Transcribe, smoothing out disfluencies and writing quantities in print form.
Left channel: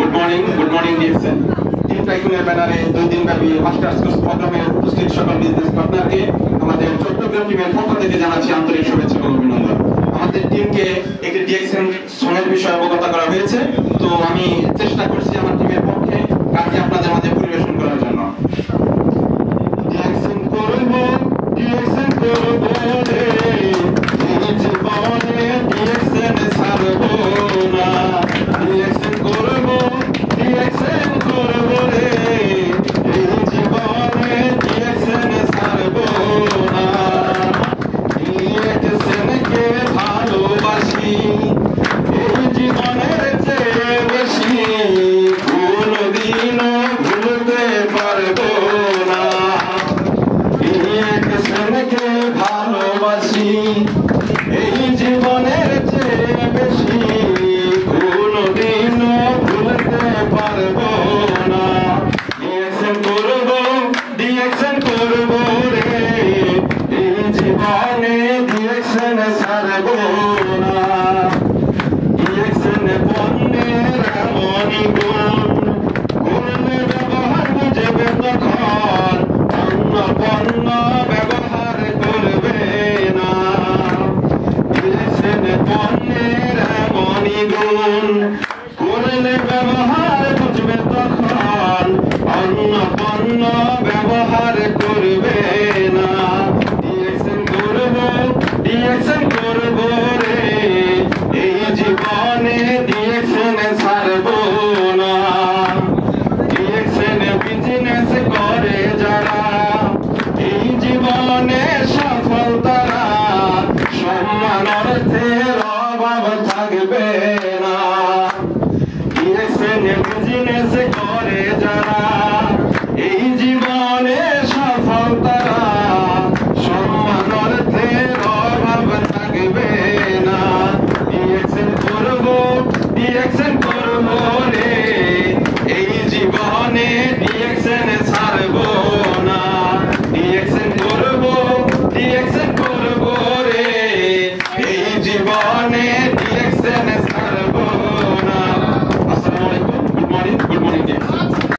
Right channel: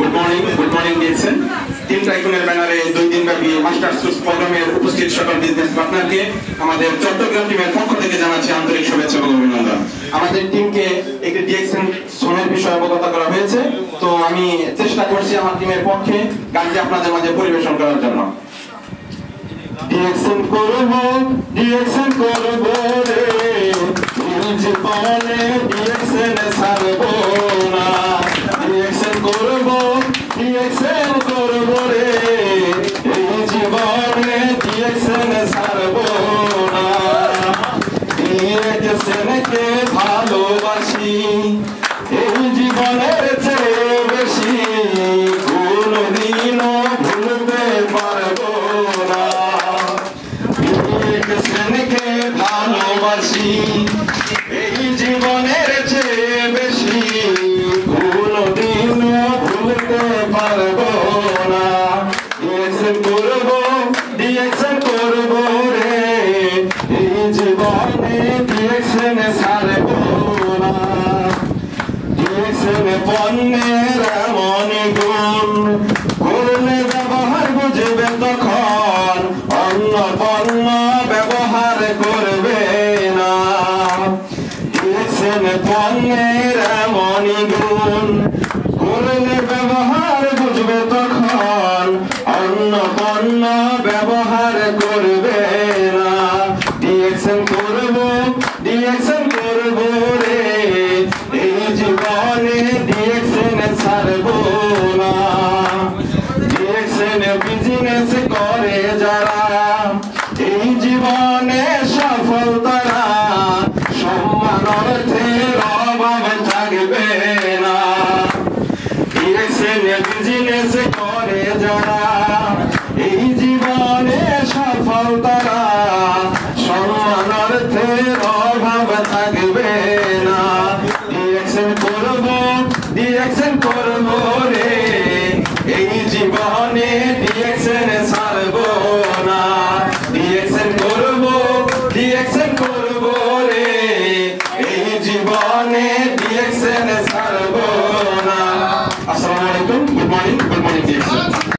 Good morning, Jason. Team ট্রাইকুনের ব্যানারে 2 দিনব্যাপী masters course প্রোগ্রামের উপস্থিত সকল বিজনেস পার্টনারকে আমাদের চট্টগ্রাম টিমের পক্ষ থেকে জানাচ্ছি আন্তরিক শুভেচ্ছা ও অভিনন্দন। আমাদের টিমকে একটি ডিএক্সএন সোনার বিষয়ে অবগত করা হয়েছে, তো আমি চেষ্টা করছি আমার টিমের পক্ষে গানটি আপনাদের মাঝে পরিবেশন করার জন্য। ডিএক্সএন করব রে জীবনে ডিএক্সএন ছাড়বো না, ডিএক্সএন করব রে এই জীবনে ডিএক্সএন ছাড়বো না, ডিএক্সএনকে ভালোবাসি এই জীবনের চেয়ে বেশি, কোনদিনও ভুলতে পারবো না, ডিএক্সএনকে ভালোবাসি এই জীবনের চেয়ে বেশি, কোনদিনও ভুলতে পারবো না, ডিএক্সএন করব রে এই জীবনে ডিএক্সএন ছাড়বো না, ডিএক্সএন পণ্যের এমনই গুণ করলে ব্যবহার বুঝবে তখন অন্য পণ্য ব্যবহার করবে না, ডিএক্সএন পণ্যের এমনই গুণ করলে ব্যবহার বুঝবে তখন অন্য পণ্য ব্যবহার করবে না, ডিএক্সএন করব রে এই জীবনে ডিএক্সএন ছাড়বো না, ডিএক্সএন বিজনেস করে যারা এই জীবনে সফল তারা, সম্মান অর্থের অভাব থাকবে না, ডিএক্সএন বিজনেস করে যারা এই জীবনে সফল তারা, সম্মান অর্থের অভাব থাকবে না, ডিএক্সএন করব রে